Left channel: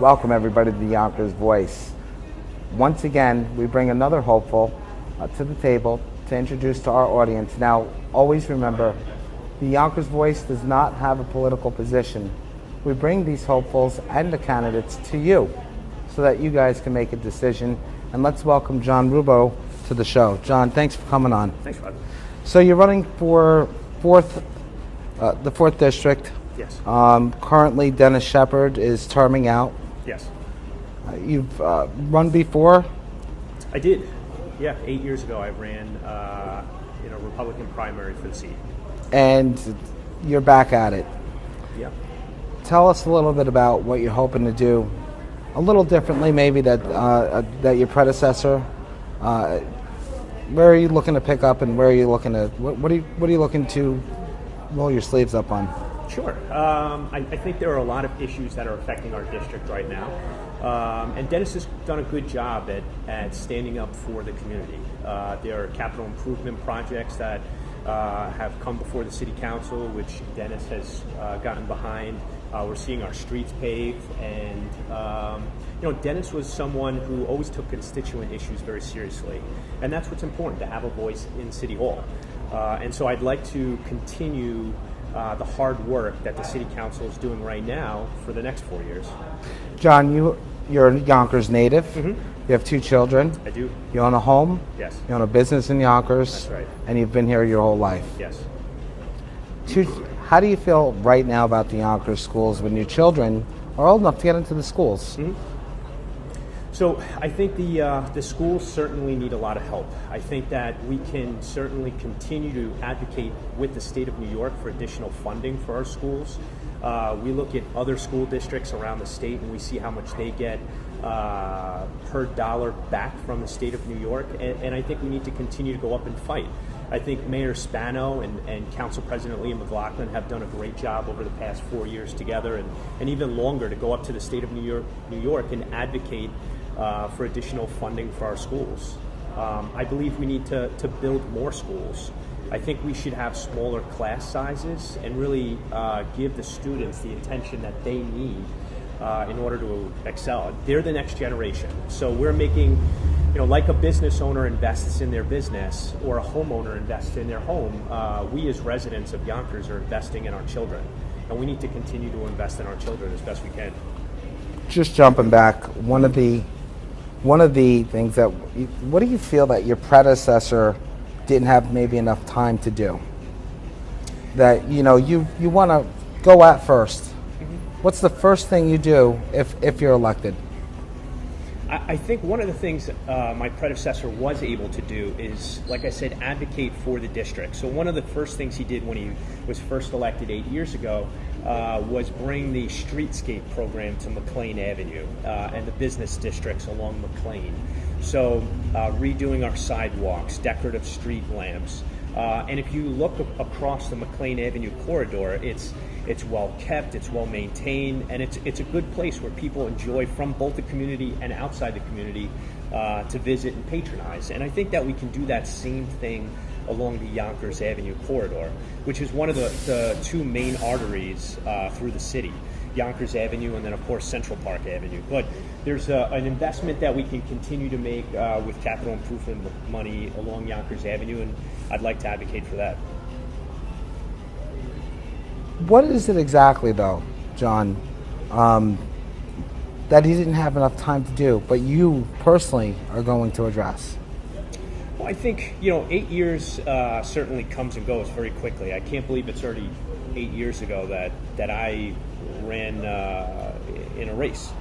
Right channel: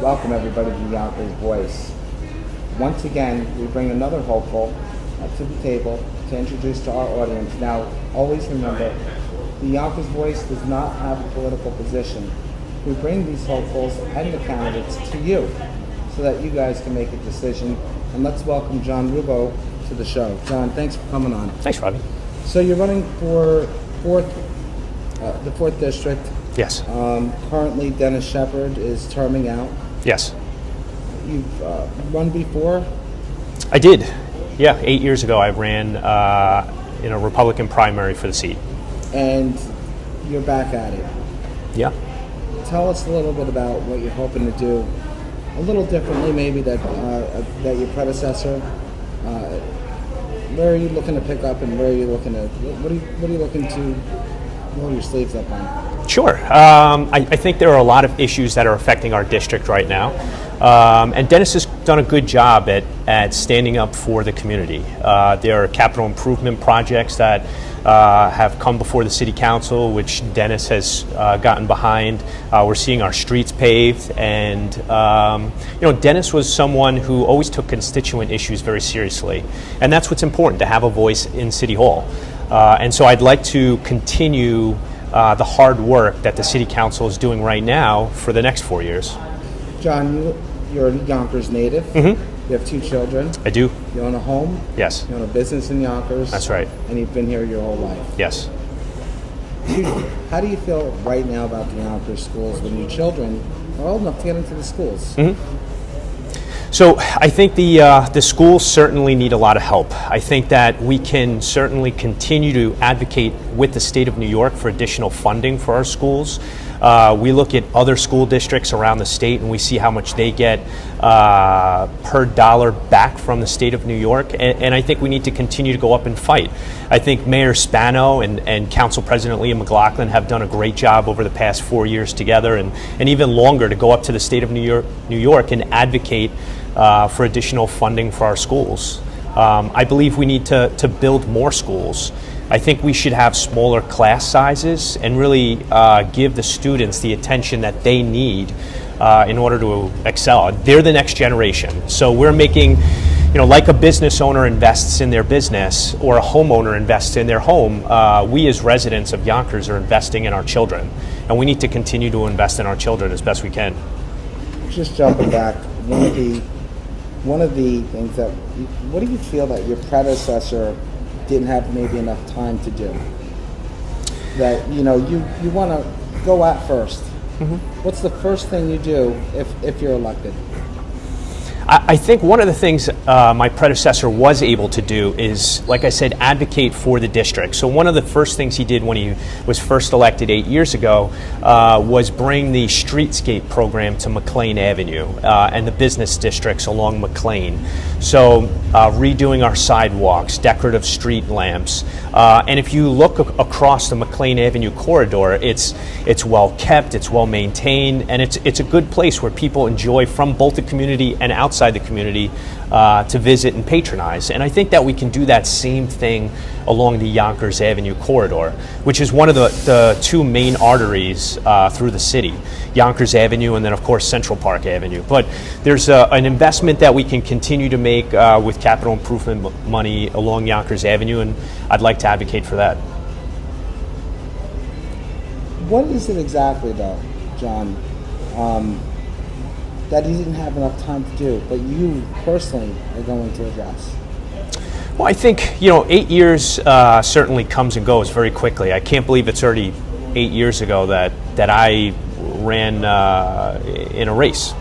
Welcome everybody to the Yonkers Voice. Once again, we bring another hopeful to the table to introduce to our audience. Now, always remember, the Yonkers Voice does not have a political position. We bring these hopefuls and the candidates to you so that you guys can make a decision. And let's welcome John Rubbo to the show. John, thanks for coming on. Thanks, Robbie. So you're running for the 4th District. Yes. Currently, Dennis Shepard is terming out. Yes. You've run before? I did. Yeah, 8 years ago I ran in a Republican primary for the seat. And you're back at it. Yeah. Tell us a little bit about what you're hoping to do, a little differently maybe that your predecessor. Where are you looking to pick up, and where are you looking to? What are you looking to roll your sleeves up on? Sure. I think there are a lot of issues that are affecting our district right now. And Dennis has done a good job at standing up for the community. There are capital improvement projects that have come before the City Council, which Dennis has gotten behind. We're seeing our streets paved, and Dennis was someone who always took constituent issues very seriously, and that's what's important, to have a voice in City Hall. And so I'd like to continue the hard work that the City Council is doing right now for the next 4 years. John, you're a Yonkers native. Mm-hmm. You have 2 children. I do. You own a home. Yes. You own a business in Yonkers. That's right. And you've been here your whole life. Yes. How do you feel right now about the Yonkers schools when your children are old enough to get into the schools? Mm-hmm. So I think the schools certainly need a lot of help. I think that we can certainly continue to advocate with the state of New York for additional funding for our schools. We look at other school districts around the state and we see how much they get per dollar back from the state of New York, and I think we need to continue to go up and fight. I think Mayor Spano and Council President Liam McLaughlin have done a great job over the past 4 years together, and even longer, to go up to the state of New York and advocate for additional funding for our schools. I believe we need to build more schools. I think we should have smaller class sizes and really give the students the attention that they need in order to excel. They're the next generation. So we're making, like a business owner invests in their business or a homeowner invests in their home, we as residents of Yonkers are investing in our children. And we need to continue to invest in our children as best we can. Just jumping back, one of the things that, what do you feel that your predecessor didn't have maybe enough time to do? That you want to go at first. Mm-hmm. What's the first thing you do if you're elected? I think one of the things my predecessor was able to do is, like I said, advocate for the district. So one of the first things he did when he was first elected 8 years ago was bring the Streetscape Program to McLean Avenue and the business districts along McLean. So redoing our sidewalks, decorative street lamps, and if you look across the McLean Avenue corridor, it's well kept, it's well maintained, and it's a good place where people enjoy from both the community and outside the community to visit and patronize. And I think that we can do that same thing along the Yonkers Avenue corridor, which is one of the 2 main arteries through the city, Yonkers Avenue and then of course Central Park Avenue. But there's an investment that we can continue to make with capital improvement money along Yonkers Avenue, and I'd like to advocate for that. What is it exactly though, John, that he didn't have enough time to do, but you personally are going to address? Well, I think, 8 years certainly comes and goes very quickly. I can't believe it's already 8 years ago that I ran in a race.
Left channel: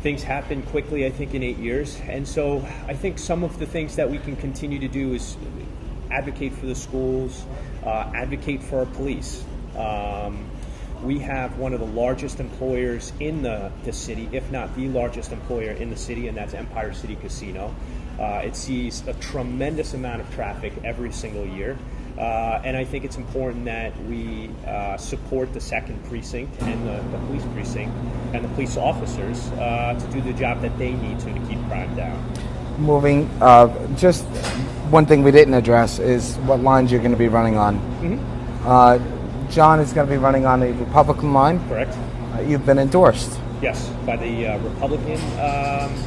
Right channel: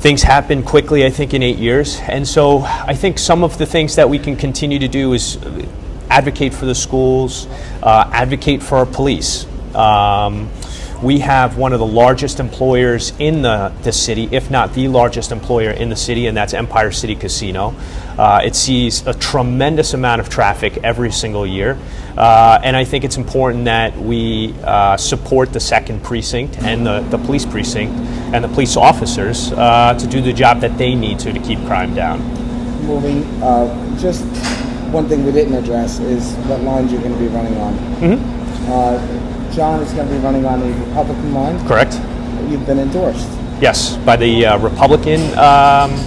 Things happen quickly, I think, in 8 years. And so I think some of the things that we can continue to do is advocate for the schools, advocate for our police. We have one of the largest employers in the city, if not the largest employer in the city, and that's Empire City Casino. It sees a tremendous amount of traffic every single year. And I think it's important that we support the 2nd Precinct and the police precinct and the police officers to do the job that they need to keep crime down. Moving, just one thing we didn't address is what lines you're going to be running on. Mm-hmm. John is going to be running on the Republican line. Correct. You've been endorsed. Yes, by the Republican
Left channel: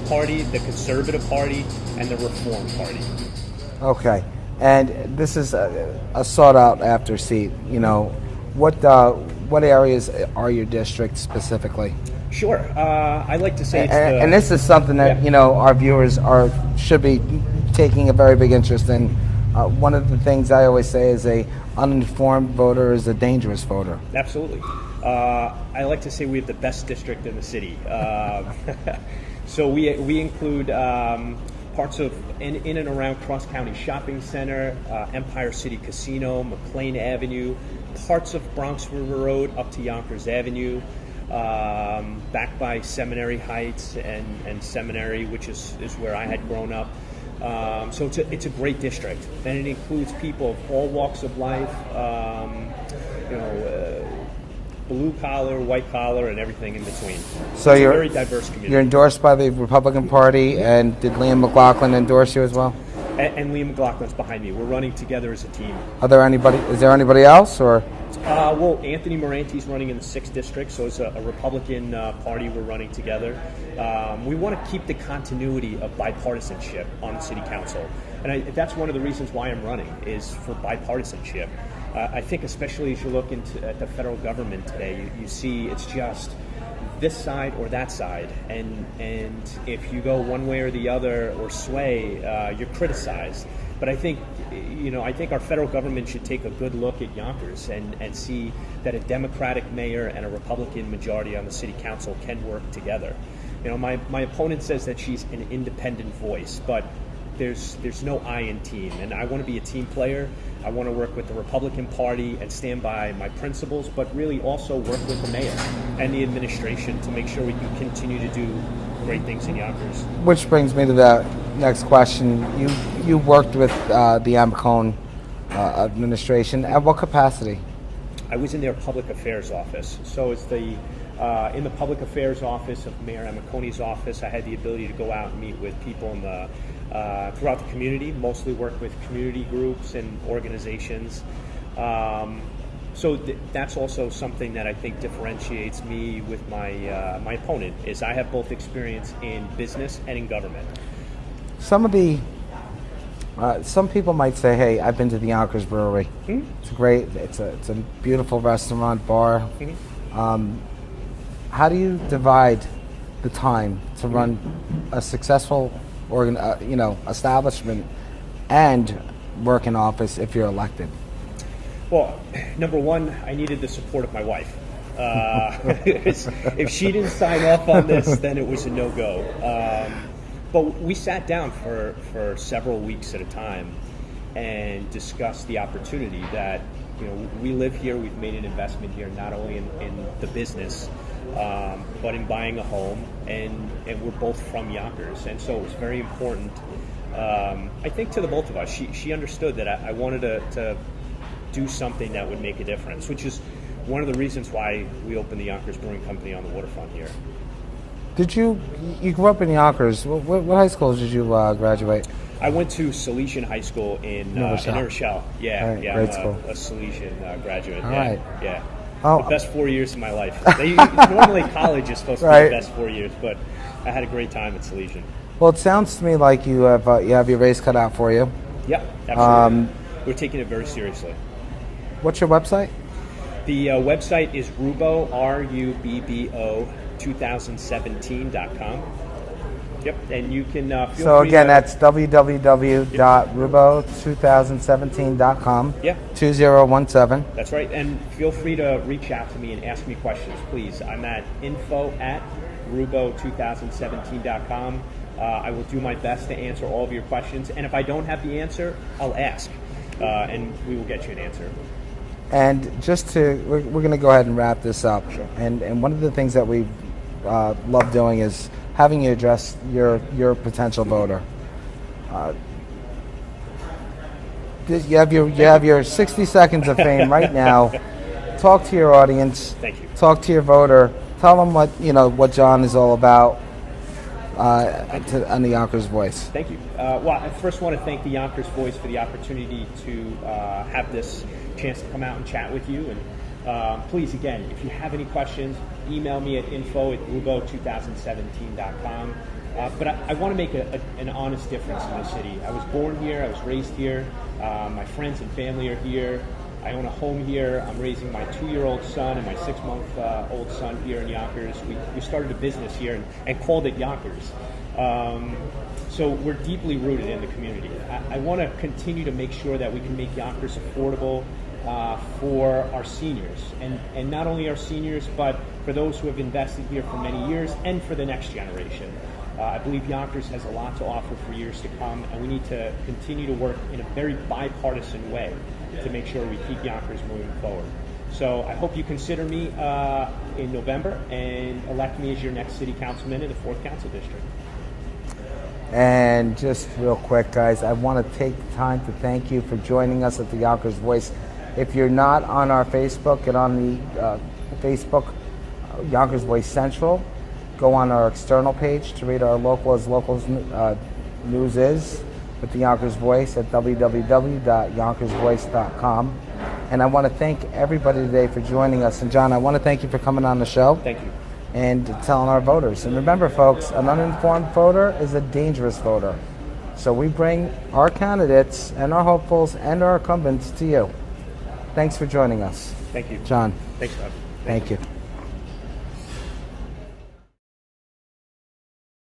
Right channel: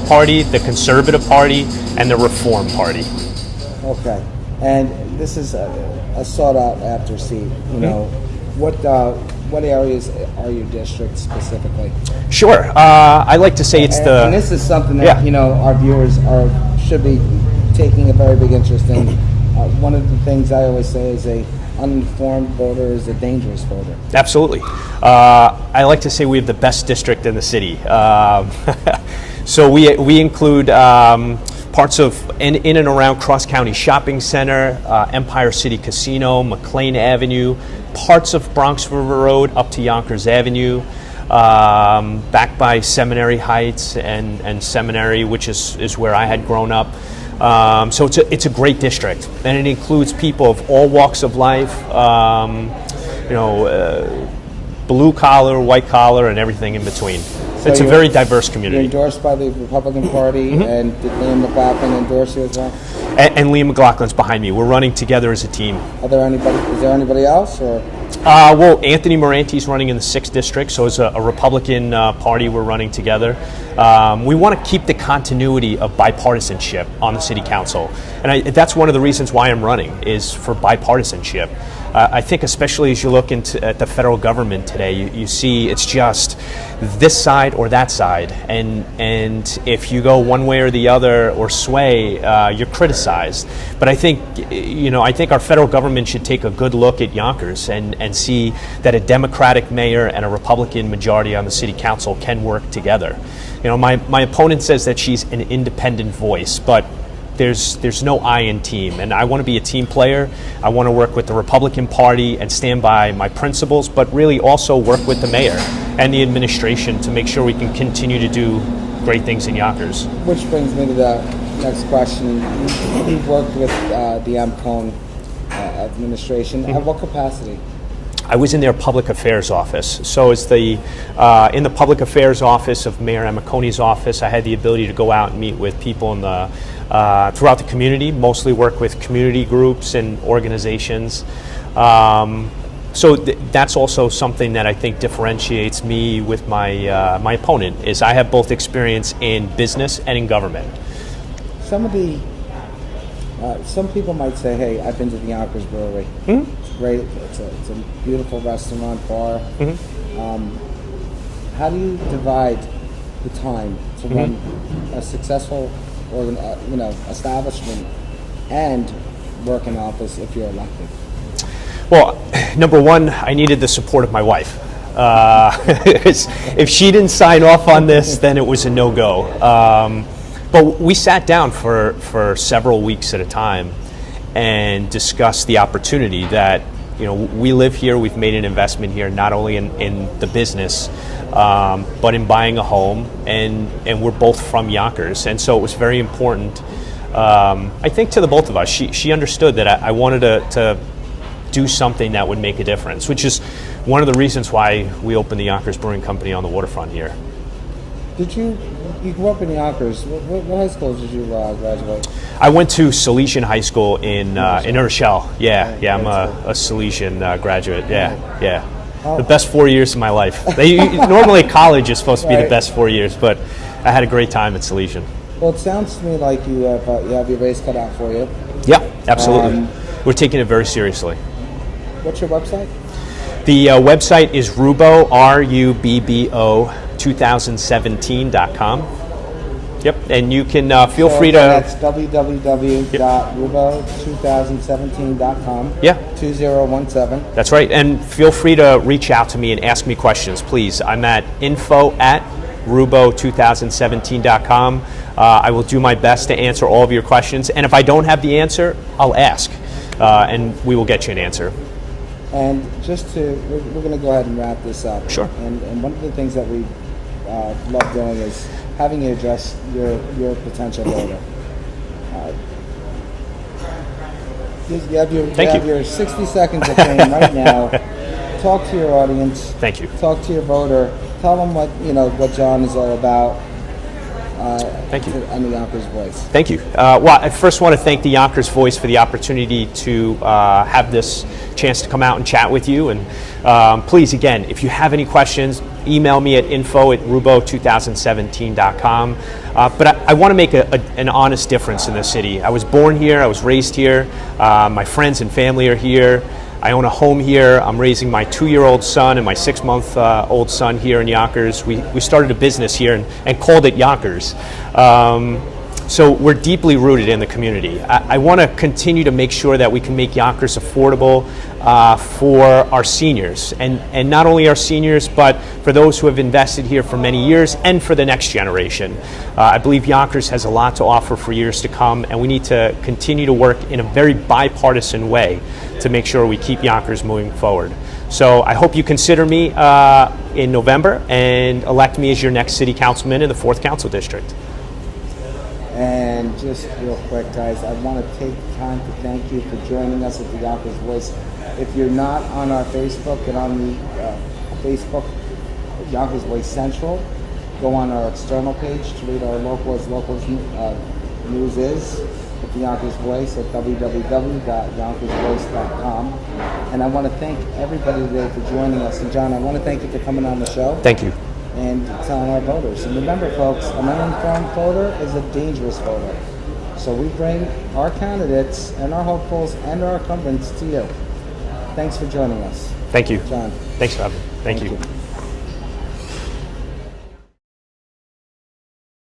Party, the Conservative Party, and the Reform Party. Okay, and this is a sought after seat. You know, what areas are your district specifically? Sure. I like to say it's and this is something that Yeah. you know our viewers should be taking a very big interest in. One of the things I always say is a uninformed voter is a dangerous voter. Absolutely. I like to say we have the best district in the city. So we include parts of in and around Cross County Shopping Center, Empire City Casino, McLean Avenue, parts of Bronx River Road up to Yonkers Avenue, back by Seminary Heights and Seminary, which is where I had grown up. So it's a great district, and it includes people of all walks of life, blue collar, white collar, and everything in between. So it's a very diverse You're community. endorsed by the Republican Party, and did Liam McLaughlin endorse you as well? And Liam McLaughlin's behind me. We're running together as a team. Is there anybody else, or? Well, Anthony Moranti's running in the 6th district, so as a Republican Party, we're running together. We want to keep the continuity of bipartisanship on the city council, and that's one of the reasons why I'm running, is for bipartisanship. I think especially as you look at the federal government today, you see it's just this side or that side, and if you go one way or the other or sway, you're criticized. But I think our federal government should take a good look at Yonkers and see that a Democratic mayor and a Republican majority on the city council can work together. You know, my opponent says that she's an independent voice, but there's no I in team, and I want to be a team player. I want to work with the Republican Party and stand by my principles, but really also work with the mayor and the administration to make sure we can continue to do great things in Yonkers. Which brings me to the next question. You worked with the Amcone administration. At what capacity? I was in their public affairs office. So as in the public affairs office of Mayor Amacone's office, I had the ability to go out and meet with people in the throughout the community, mostly work with community groups and organizations. So that's also something that I think differentiates me with my opponent, is I have both experience in business and in government. Some people might say, "Hey, I've been to the Yonkers Brewery. It's great. It's a beautiful restaurant, bar." How do you divide the time to run a successful establishment and work in office if you're elected? Well, number one, I needed the support of my wife. If she didn't sign off on this, then it was a no-go. But we sat down for several weeks at a time and discussed the opportunity that, we live here, we've made an investment here, not only in the business, but in buying a home, and we're both from Yonkers. And so it was very important, I think, to the both of us. She understood that I wanted to do something that would make a difference, which is one of the reasons why we opened the Yonkers Brewing Company on the waterfront here. You grew up in Yonkers. What high school did you graduate? I went to Salesian High School in Rochelle. Yeah, Right, I'm great a Salesian graduate. Right. Yeah. Oh. The best 4 years of my life. Normally college is supposed to be Right. the best 4 years, but I had a great time at Salesian. Well, it sounds to me like you have your race cut out for you. Yeah, absolutely. We're taking it very seriously. What's your website? The website is Rubbo, RUBBO, 2017.com. Yep, and you can feel free again, to... That's www.rubo2017.com. Yeah. 2017. That's right, and feel free to reach out to me and ask me questions, please. I'm at info@rubo2017.com. I will do my best to answer all of your questions, and if I don't have the answer, I'll ask, and we will get you an answer. And we're going to go ahead and wrap this up. Sure. And one of the things that we love doing is having you address your potential voter. You have your 60 seconds of fame right now. Talk to your audience. Thank you. Talk to your voter. Tell them what John is all about. Thank you. on the Yonkers Voice. Thank you. Well, I first want to thank the Yonkers Voice for the opportunity to have this chance to come out and chat with you. And please, again, if you have any questions, email me at info@rubo2017.com. But I want to make an honest difference in this city. I was born here. I was raised here. My friends and family are here. I own a home here. I'm raising my 2-year-old son and my 6-month-old son here in Yonkers. We started a business here and called it Yonkers. So we're deeply rooted in the community. I want to continue to make sure that we can make Yonkers affordable for our seniors, and not only our seniors, but for those who have invested here for many years and for the next generation. I believe Yonkers has a lot to offer for years to come, and we need to continue to work in a very bipartisan way to make sure we keep Yonkers moving forward. So I hope you consider me in November and elect me as your next city councilman in the 4th Council District. And just real quick, guys, I want to take time to thank you for joining us at the Yonkers Voice. If you're not on our Facebook, get on the Facebook, Yonkers Voice Central. Go on our external page to read our locals news is at the Yonkers Voice at www.yonkersvoice.com. And I want to thank everybody today for joining us. And John, I want to thank you for coming on the show. Thank you. And telling our voters. And remember, folks, an uninformed voter is a dangerous voter. So we bring our candidates and our hopefuls and our incumbents to you. Thanks for joining us. Thank you. John. Thanks for having me. Thank you.